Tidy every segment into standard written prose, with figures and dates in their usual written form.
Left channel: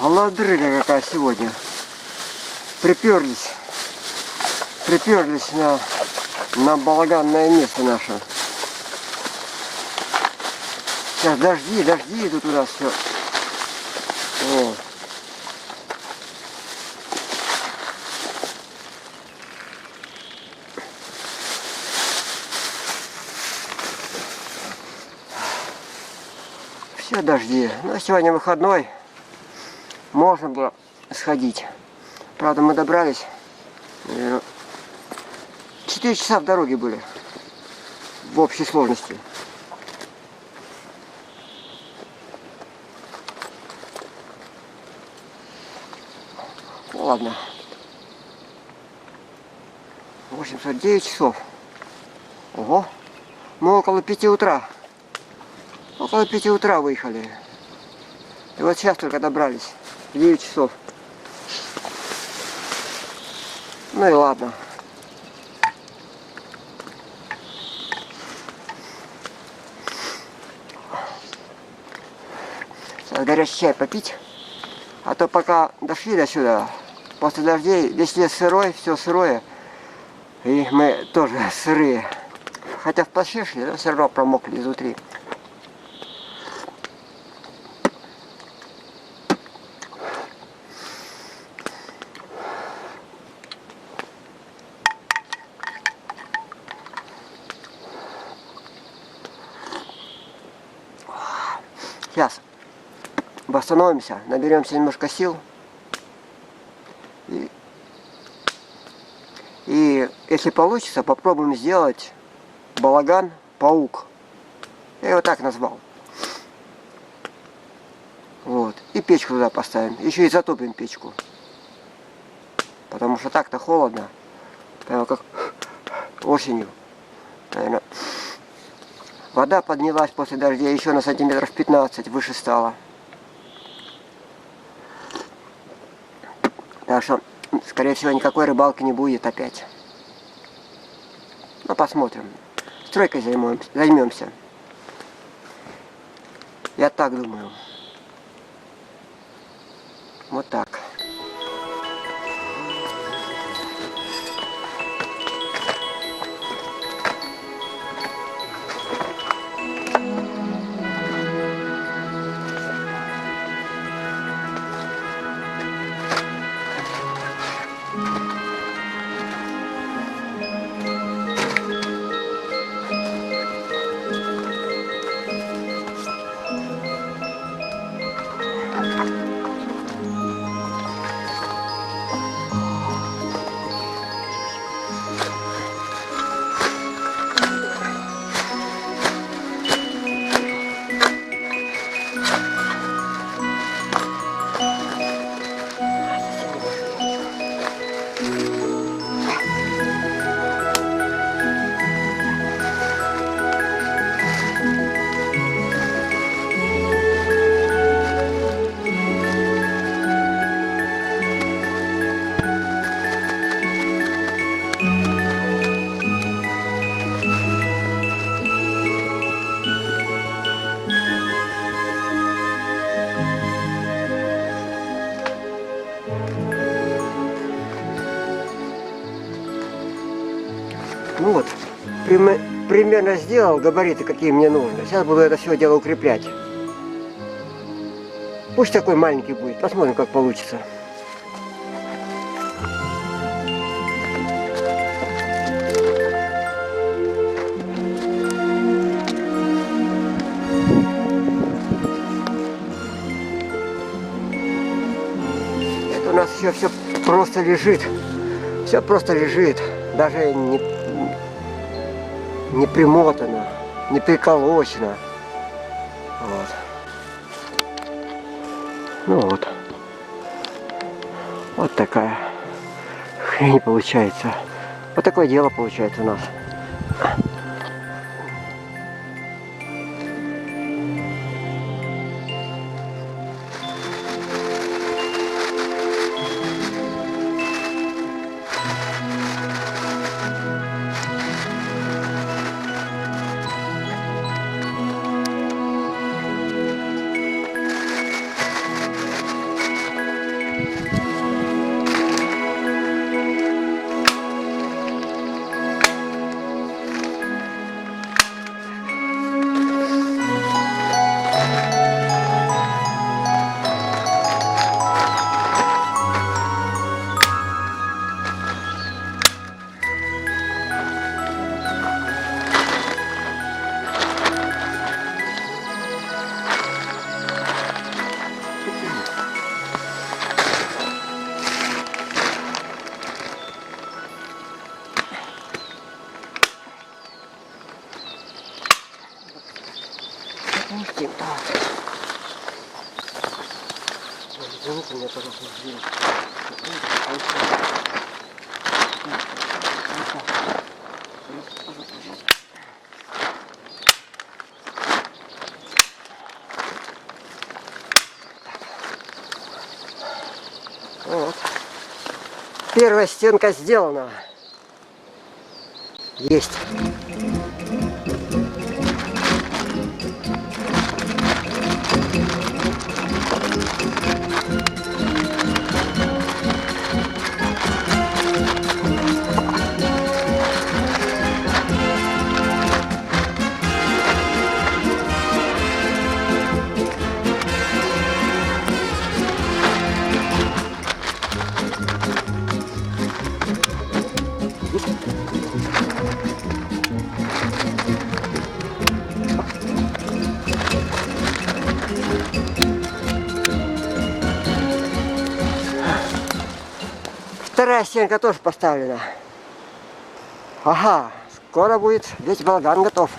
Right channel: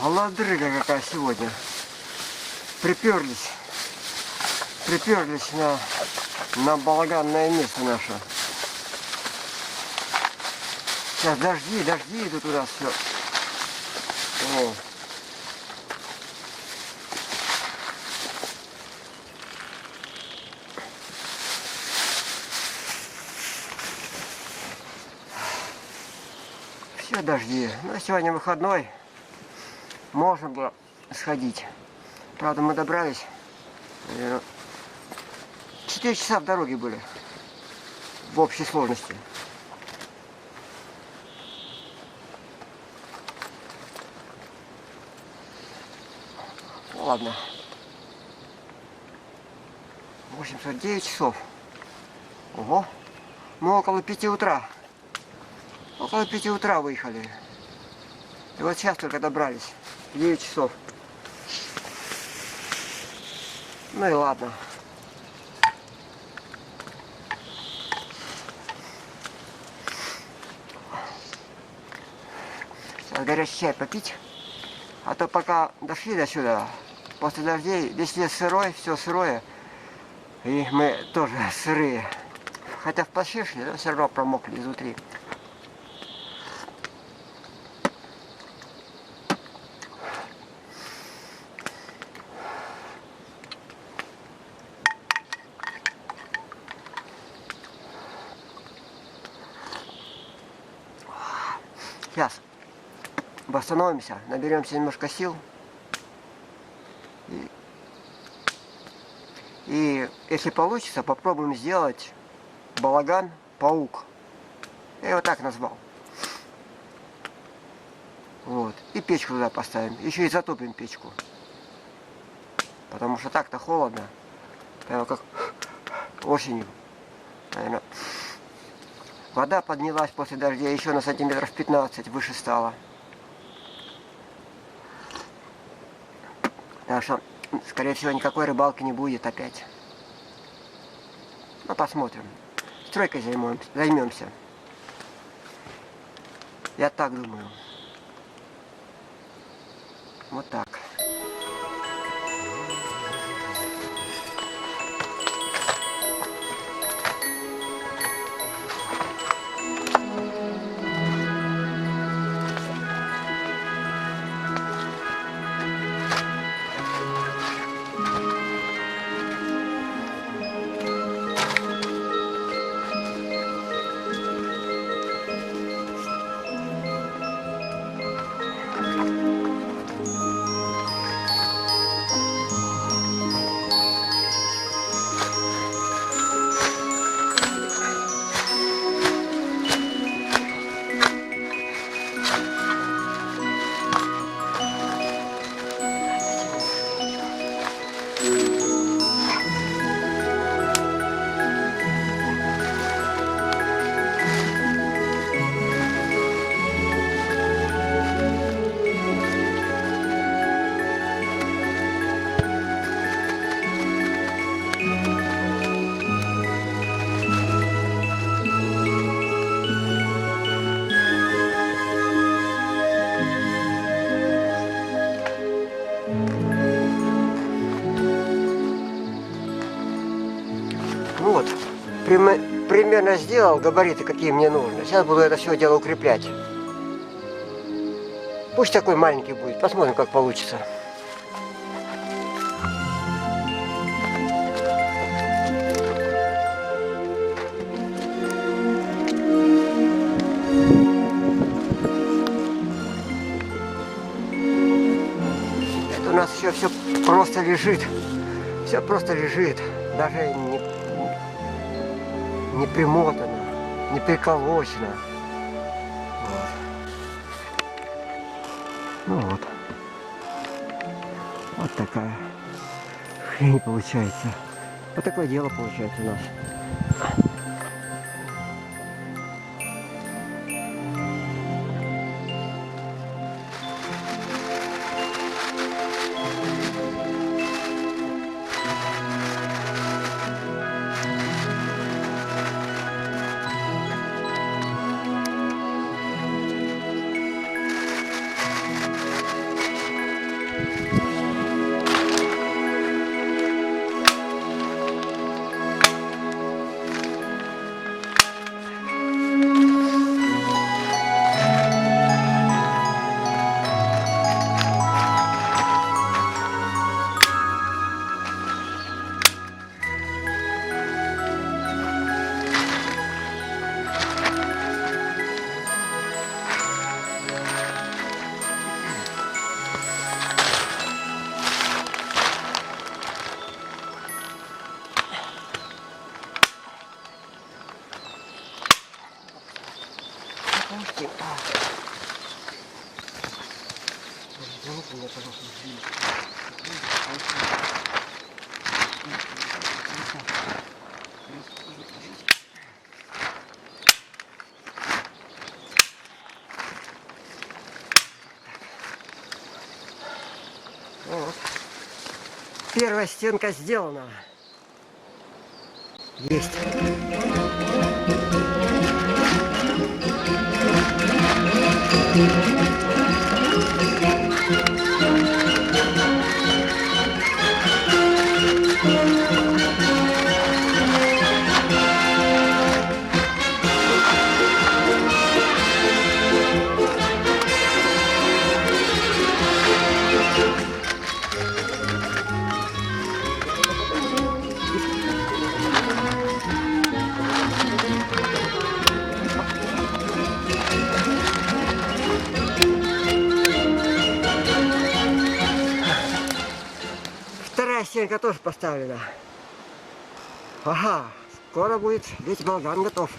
Холодрыга какая сегодня. Приперлись на балаганное место наше. Сейчас дожди идут у нас все. О. Все дожди. Но сегодня выходной. Можно было сходить. Правда, мы добрались. 4 часа в дороге были. В общей сложности. Ладно. 849 часов. Ого. Мы около 5 утра. Около 5 утра выехали. И вот сейчас только добрались. 9 часов. Ну и ладно. Сейчас горячий чай попить. А то пока дошли до сюда, после дождей, весь лес сырой, все сырое. И мы тоже сырые. Хотя в плаще шли, но все равно промокли изнутри. Сейчас восстановимся, наберемся немножко сил. И если получится, попробуем сделать балаган-паук. Я его так назвал. Вот. И печку туда поставим. Еще и затопим печку. Потому что так-то холодно. Прямо как осенью. Наверное. Вода поднялась после дождя еще на сантиметров 15 выше стала. Так что, скорее всего, никакой рыбалки не будет опять. Ну, посмотрим. Стройкой займемся. Я так думаю. Вот так. Ну вот, примерно сделал габариты, какие мне нужны. Сейчас буду это все дело укреплять. Пусть такой маленький будет. Посмотрим, как получится. Это у нас еще все просто лежит. Все просто лежит. Даже не примотано, не приколочено. Вот. Ну вот. Вот такая хрень получается. Вот такое дело получается у нас. Пустим. Извините меня, пожалуйста, извините. Вот. Первая стенка сделана. Есть. Вторая стенка тоже поставлена. Ага, скоро будет весь балаган готов.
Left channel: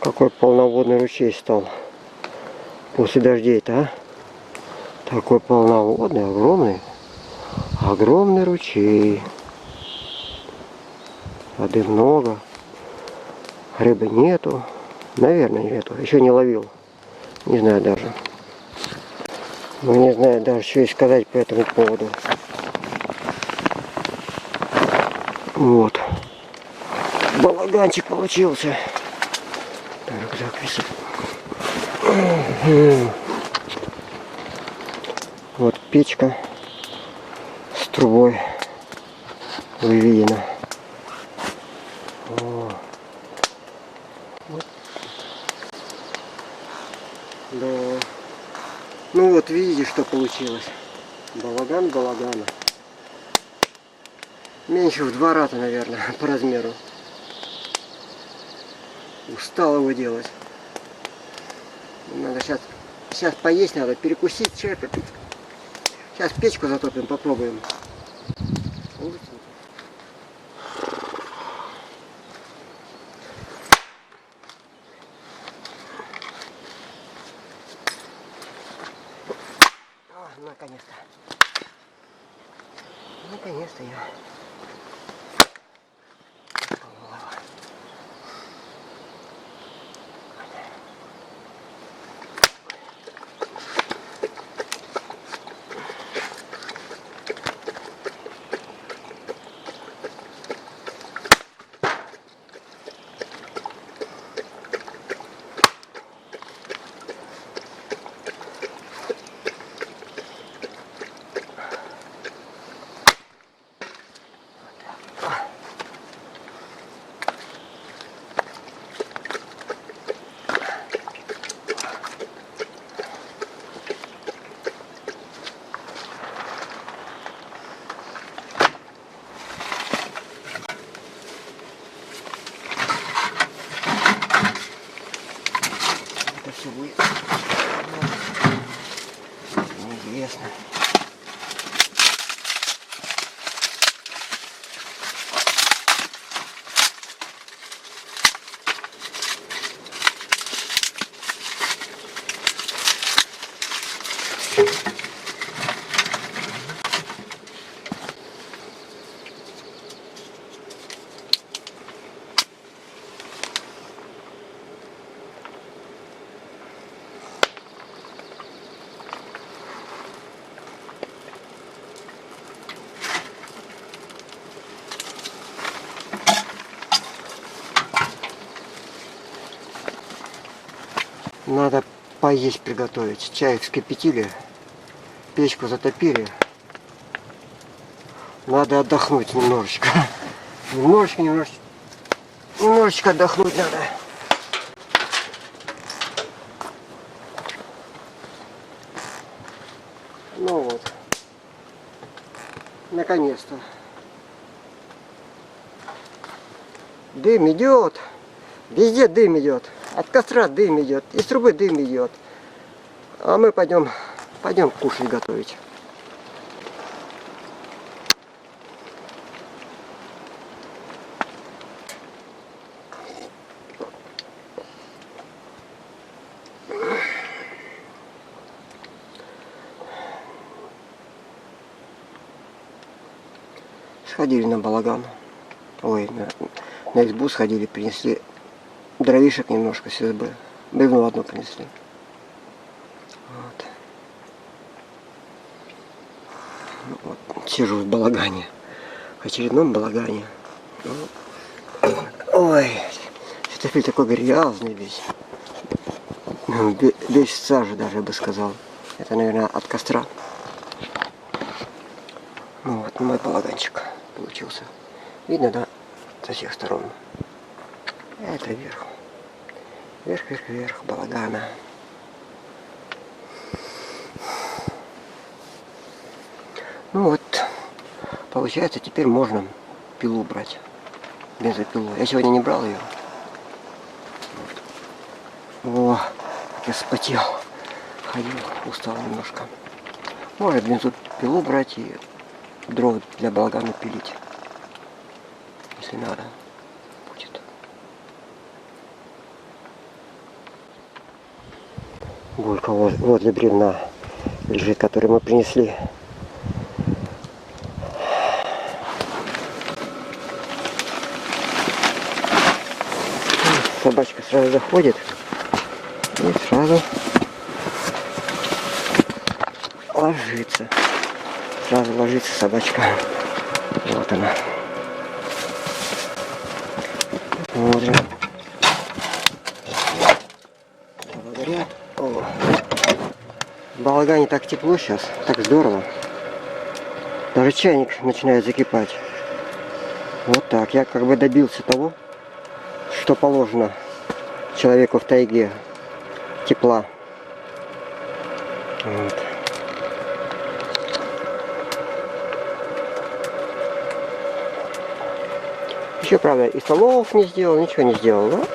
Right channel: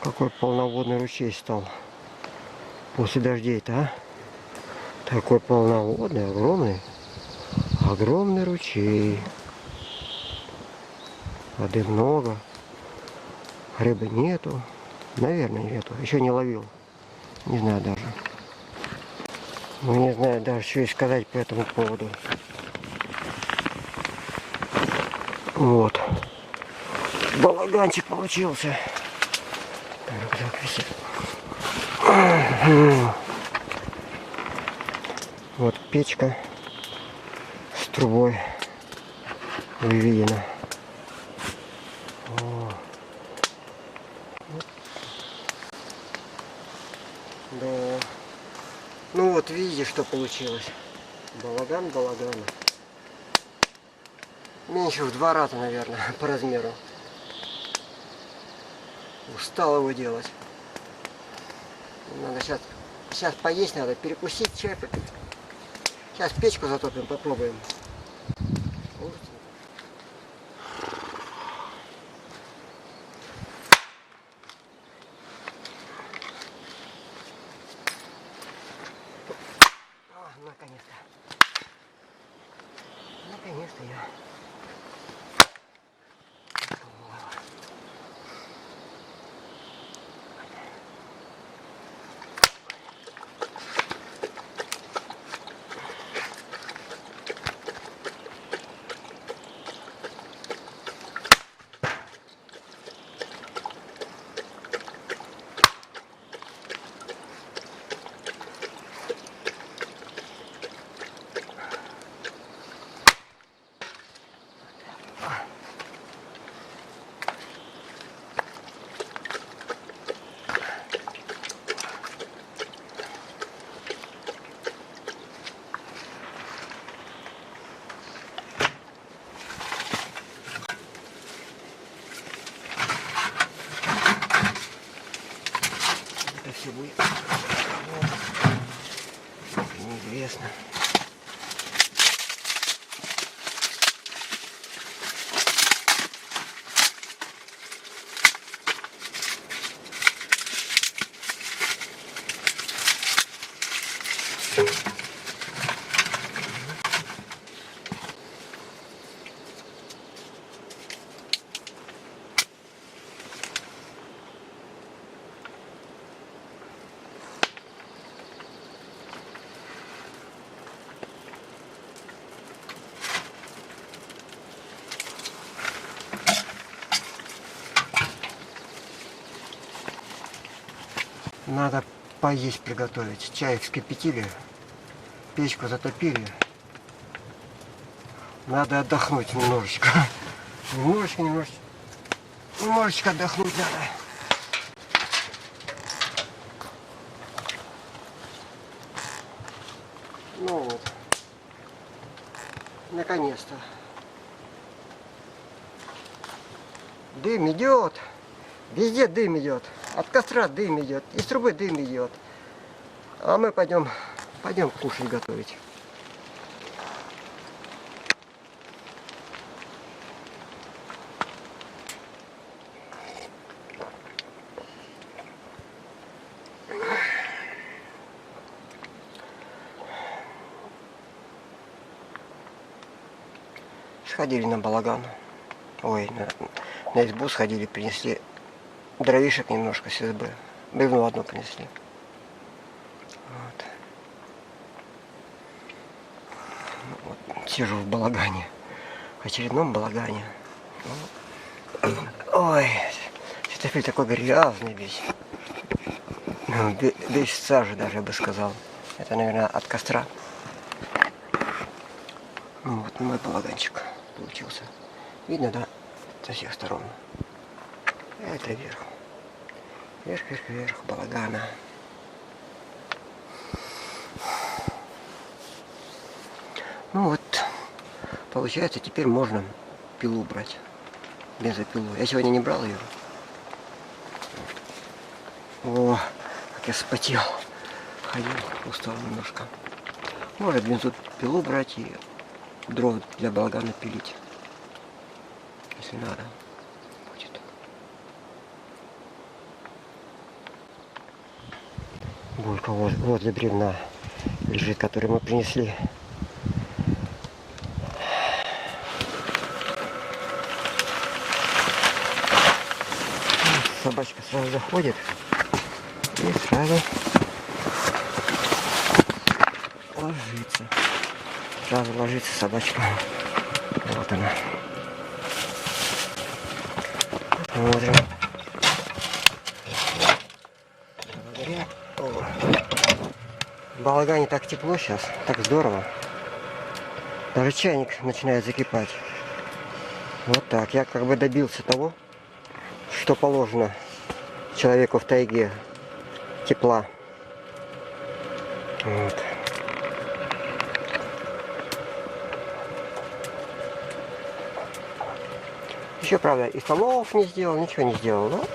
Какой полноводный ручей стал после дождей-то, а? Такой полноводный, огромный ручей. Воды много, рыбы нету, наверное нету, еще не ловил, не знаю даже. Ну, не знаю даже, что и сказать по этому поводу. Вот. Балаганчик получился. Рюкзак висит. Вот печка с трубой выведена. О. Вот. Да. Ну вот видите, что получилось. Балаган балагана. Меньше в 2 раза, наверное, по размеру. Устал его делать. Надо сейчас поесть надо, перекусить, чай попить. Сейчас печку затопим, попробуем. О, наконец-то. Наконец-то я. Все будет неизвестно. Надо поесть приготовить. Чай вскипятили, печку затопили. Надо отдохнуть немножечко. Немножечко отдохнуть надо. Ну вот. Наконец-то. Дым идет. Везде дым идет. От костра дым идет. Из трубы дым идет. А мы пойдем кушать готовить. Сходили на балаган. Ой, на избу сходили, принесли дровишек немножко с избы. Бревно одно принесли. Вот. Ну, вот. Сижу в балагане. В очередном балагане. Ой, светофиль такой грязный весь. Весь в саже даже, я бы сказал. Это, наверное, от костра. Ну вот мой балаганчик получился. Видно, да? Со всех сторон. Это вверх. Вверх балагана. Ну вот, получается, теперь можно пилу брать. Бензопилу. Я сегодня не брал ее. Вот. О, как я вспотел. Ходил, устал немножко. Может бензопилу брать и дров для балагана пилить. Если надо будет. Булька возле бревна лежит, который мы принесли. Собачка сразу заходит и сразу ложится. Сразу ложится собачка. Вот она. Смотрим. Благодаря. О. В балагане так тепло сейчас, так здорово. Даже чайник начинает закипать. Вот так. Я как бы добился того, что положено человеку в тайге. Тепла. Вот. Еще, правда, и столов не сделал, ничего не сделал. Но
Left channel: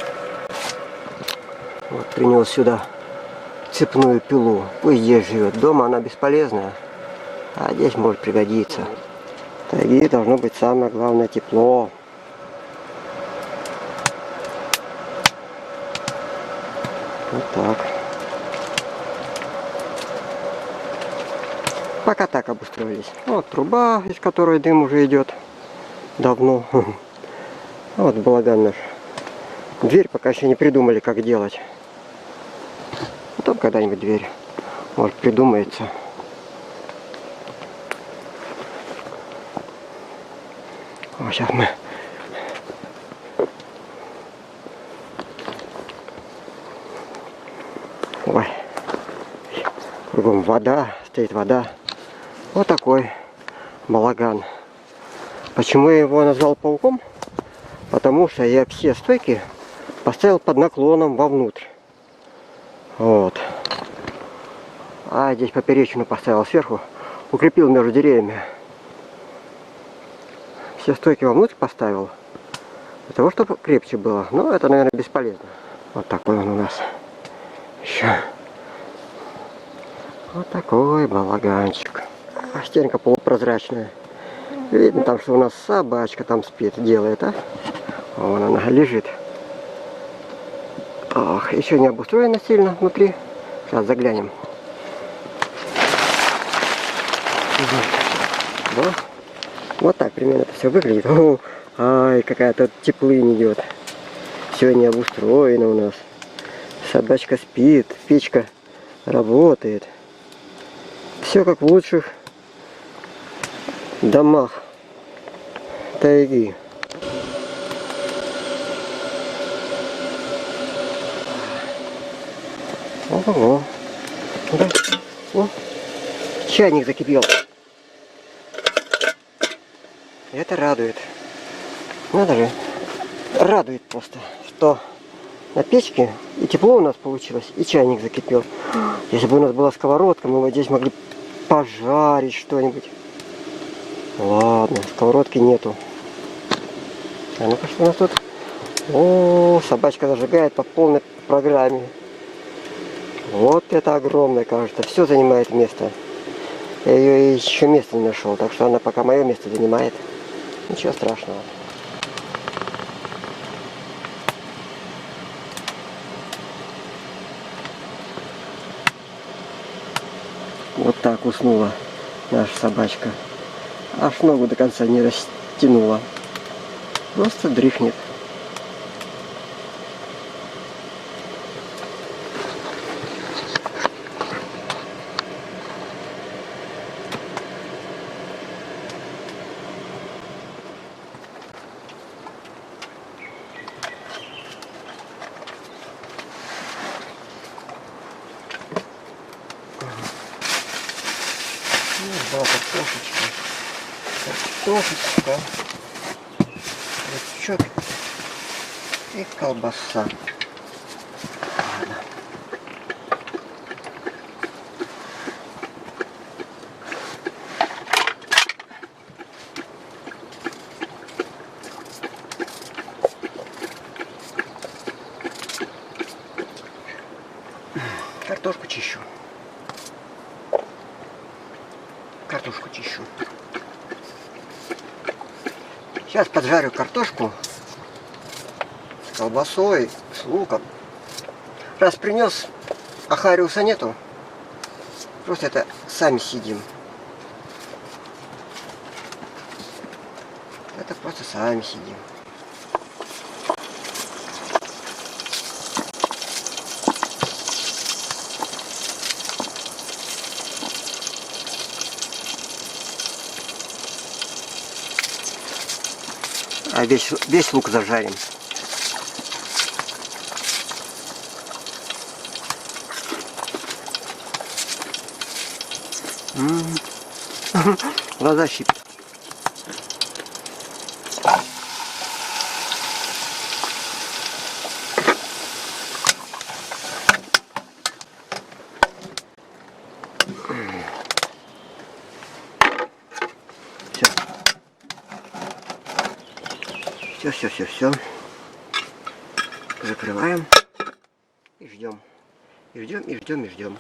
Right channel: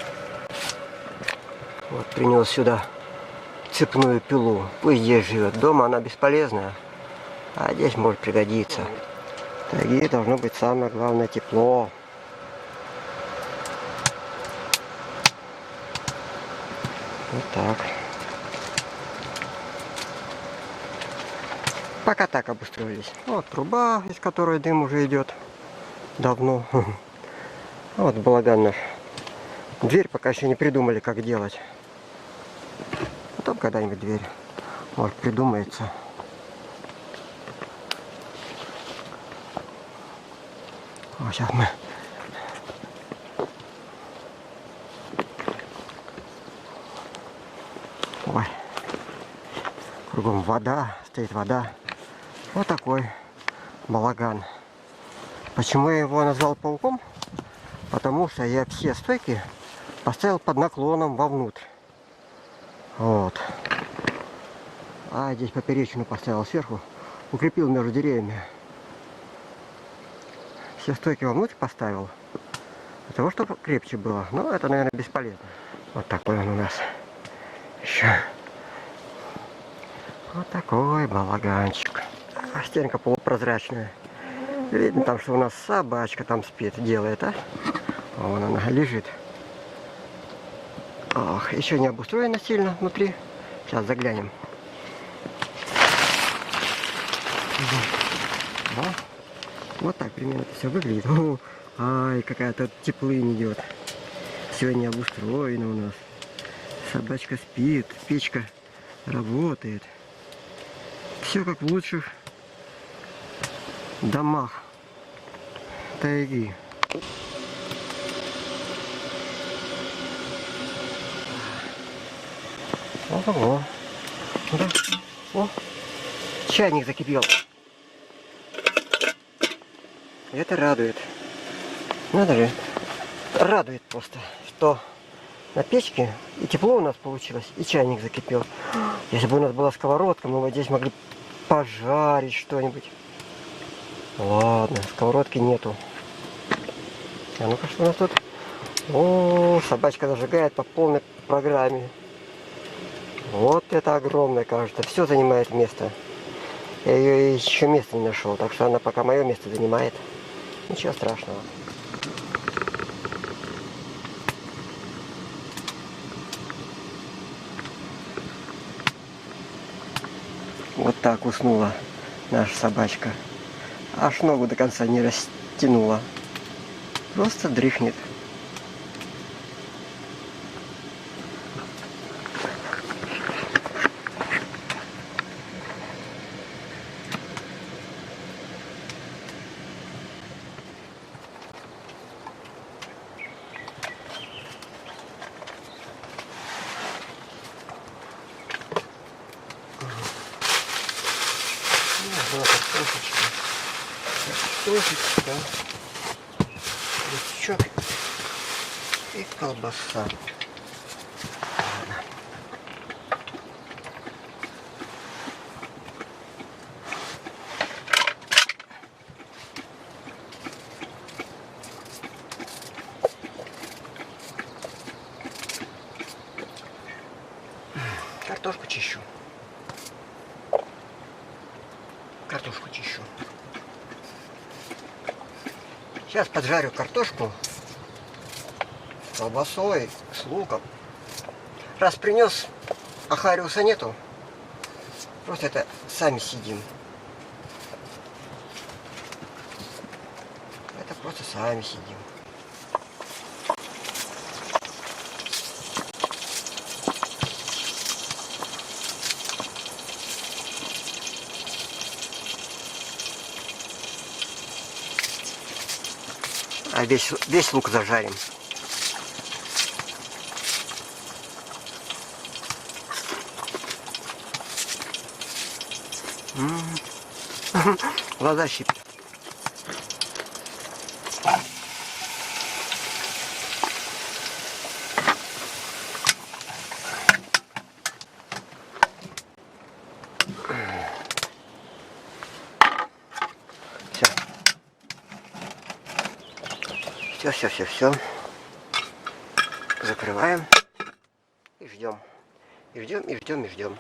вот принес сюда цепную пилу. Пусть здесь живет. Дома она бесполезная, а здесь может пригодиться. В тайге должно быть самое главное тепло. Вот так. Пока так обустроились. Вот труба, из которой дым уже идет давно. Вот балаган наш. Дверь пока еще не придумали, как делать. Потом когда-нибудь дверь, может, придумается. Вот сейчас мы ой, кругом вода, стоит вода. Вот такой балаган. Почему я его назвал пауком? Потому что я все стойки поставил под наклоном вовнутрь. Вот. А здесь поперечину поставил сверху. Укрепил между деревьями. Все стойки вовнутрь поставил. Для того, чтобы крепче было. Но это, наверное, бесполезно. Вот такой он у нас. Еще. Вот такой балаганчик. Стенка полупрозрачная. Видно там, что у нас собачка там спит, делает, а? Вон она лежит. Ох, еще не обустроено сильно внутри. Сейчас заглянем. Вот так примерно это все выглядит. О, ай, какая тут теплынь идет. Все не обустроено у нас. Собачка спит, печка работает. Все как в лучших домах тайги. Ого. Да. О, чайник закипел. Это радует. Надо же. Радует просто, что на печке и тепло у нас получилось, и чайник закипел. Если бы у нас была сковородка, мы бы здесь могли пожарить что-нибудь. Ладно, сковородки нету. А ну-ка, что у нас тут? О, собачка зажигает по полной программе. Вот это огромное, кажется. Все занимает место. Я ее еще места не нашел, так что она пока мое место занимает. Ничего страшного. Вот так уснула наша собачка. Аж ногу до конца не растянула. Просто дрыхнет. Да, картошечка. Картошечка. Лучок и колбаса. Ладно. Картошку чищу. Картошку чищу. Сейчас поджарю картошку с колбасой, с луком. Раз принес, а хариуса нету, просто это сами съедим. Это просто сами съедим. А весь лук зажарим. Глаза щипят. Все. Закрываем и ждем. И ждем.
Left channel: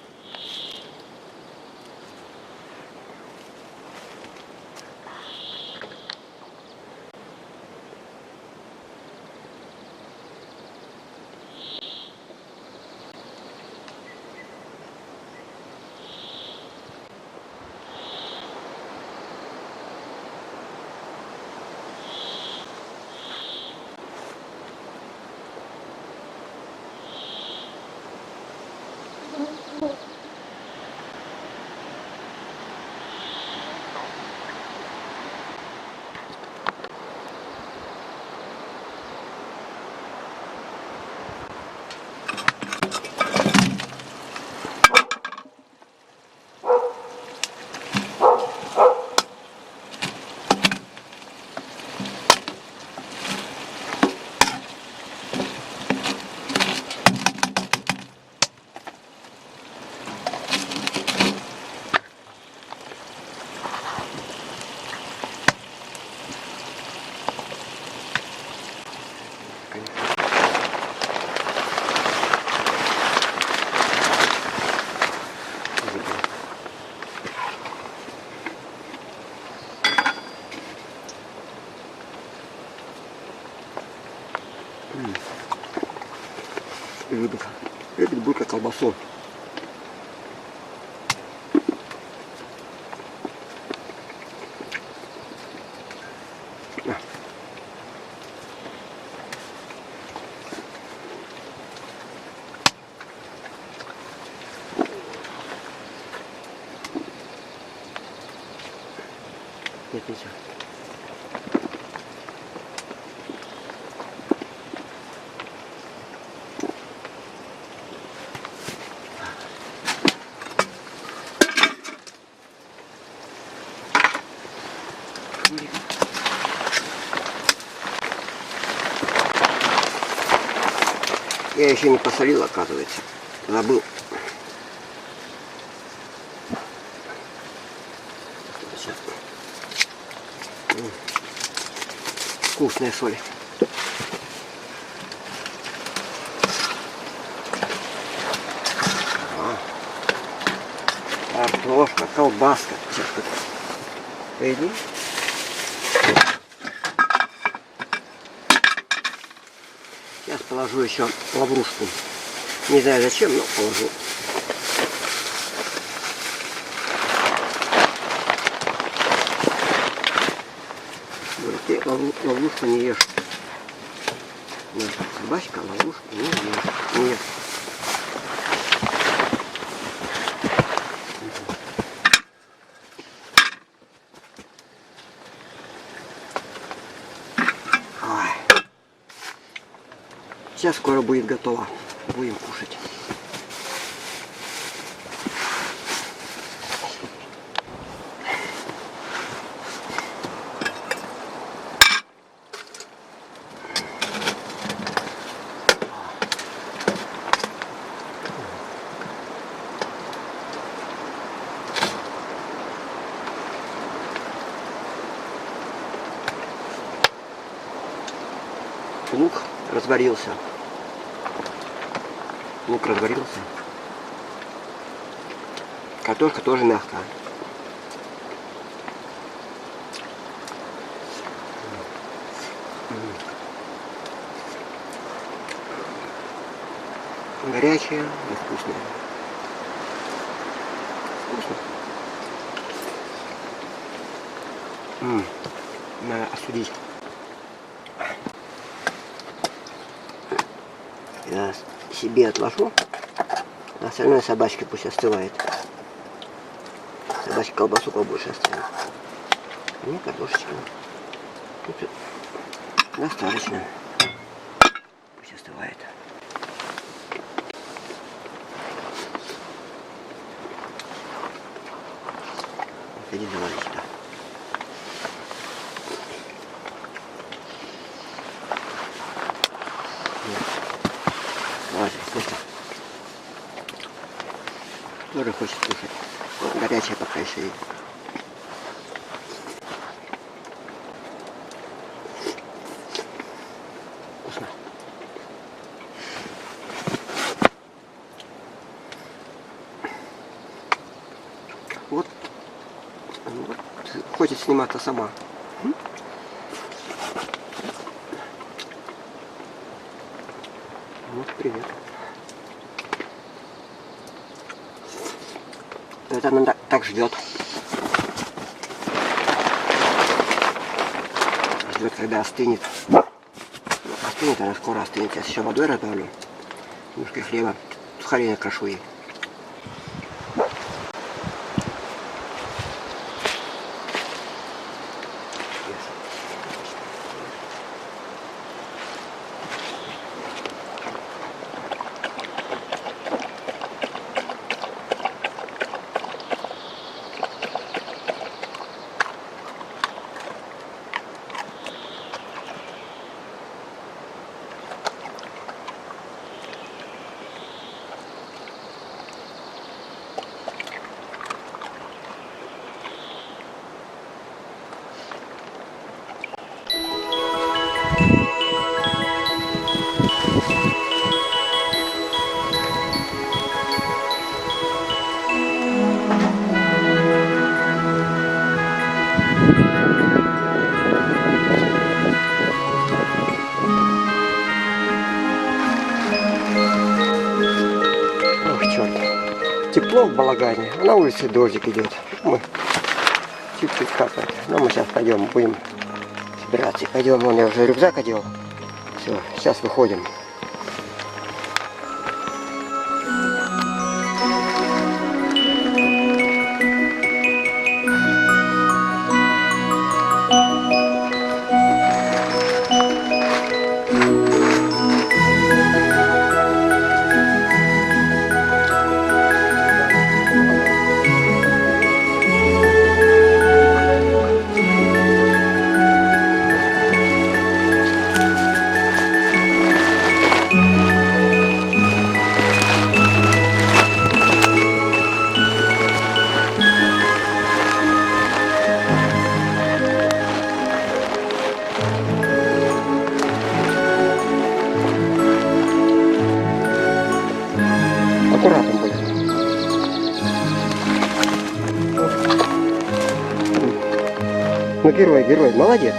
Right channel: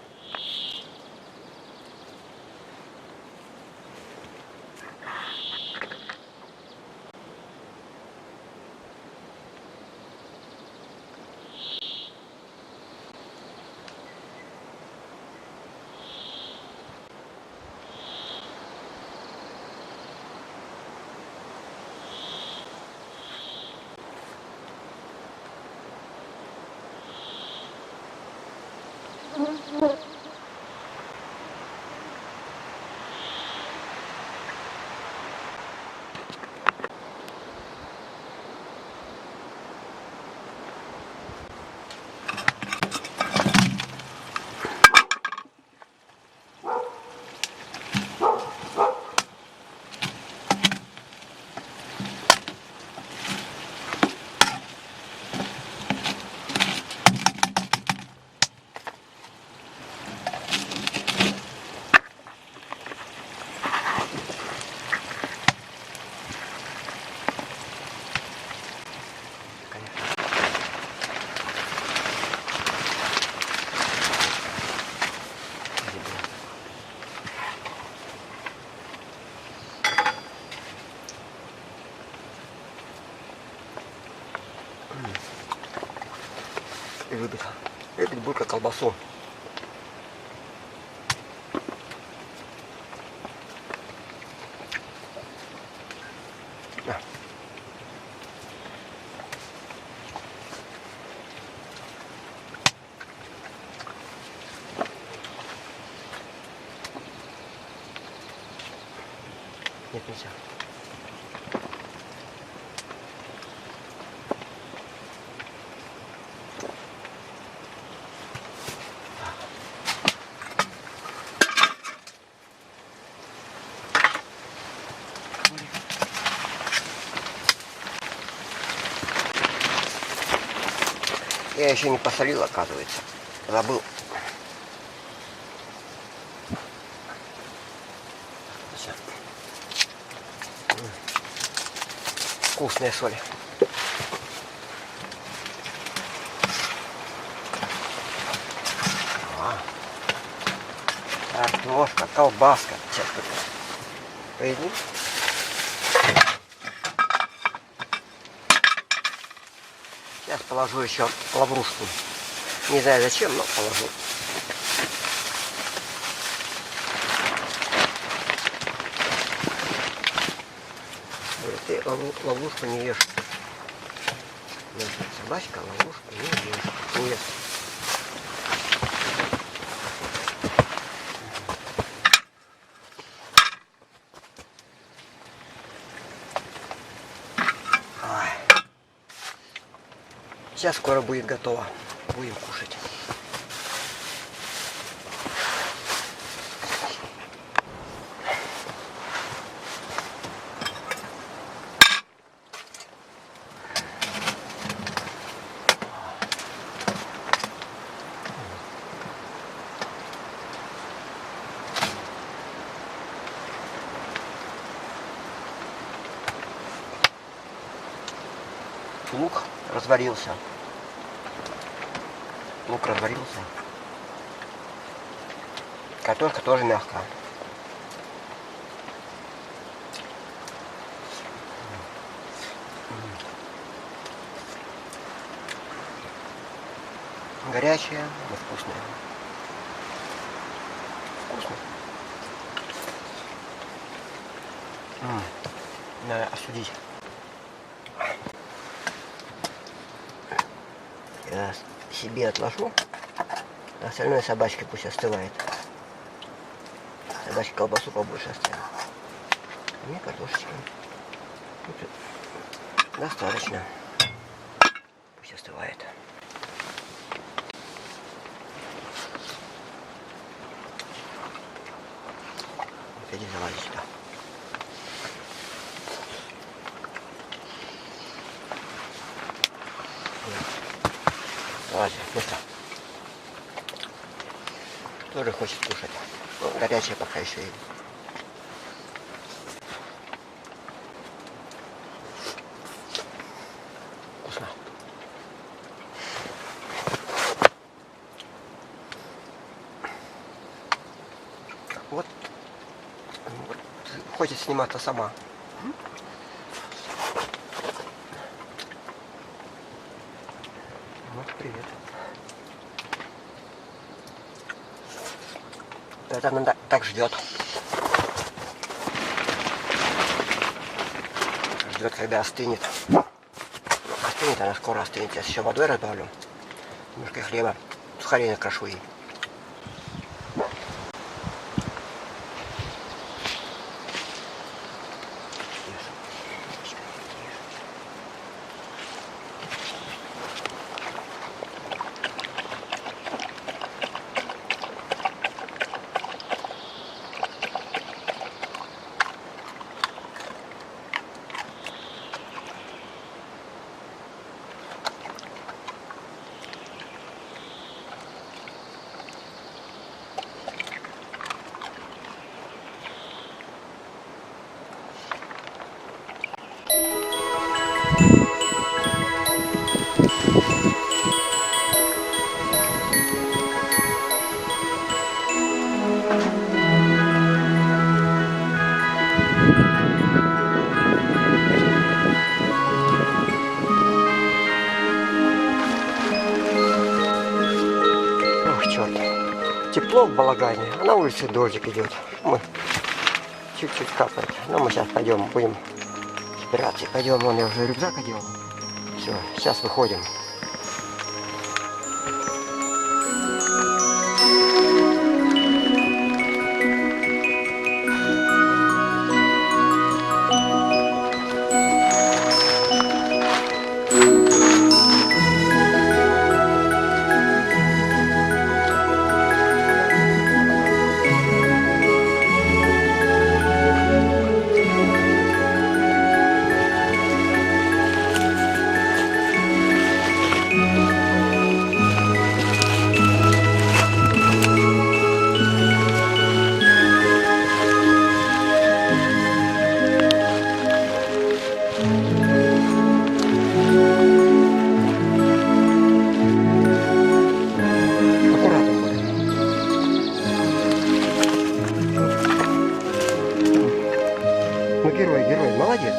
И любит Бурка колбасу. Нет, нельзя. Я еще не посолил, оказывается. Забыл. Вкусная соль. Картошка, колбаска. Сейчас поедим. Сейчас положу еще лаврушку. Не знаю зачем, но положу. Ты ловушку не ешь. Наша собачка ловушку не ешь. Не ешь. Ой. Сейчас скоро будет готово. Будем кушать. Лук разварился. Лук разварился. Картошка тоже мягкая. Горячая, но вкусная. Вкусно. Надо осудить. Я себе отложу, а остальное собачке пусть остывает. Собачке колбасу побольше оставим. Мне картошечки. Тут достаточно. Пусть остывает. Вот иди завали сюда. Ладно, место. Тоже хочет кушать. Ну, горячая пока еще и. Вкусно. Вот хочет сниматься сама. Вот, привет. Это она так ждет. Ждет, когда остынет. Ну, остынет, она скоро остынет. Я еще водой разбавлю. Немножко хлеба. Сухарей накрошу ей. Тепло в балагане, а на улице дождик идет. Мы чуть-чуть капает. Но мы сейчас пойдем, будем собираться. Пойдем, вон я уже рюкзак одел. Все, сейчас выходим. Аккуратно будет. Ну, герой, молодец.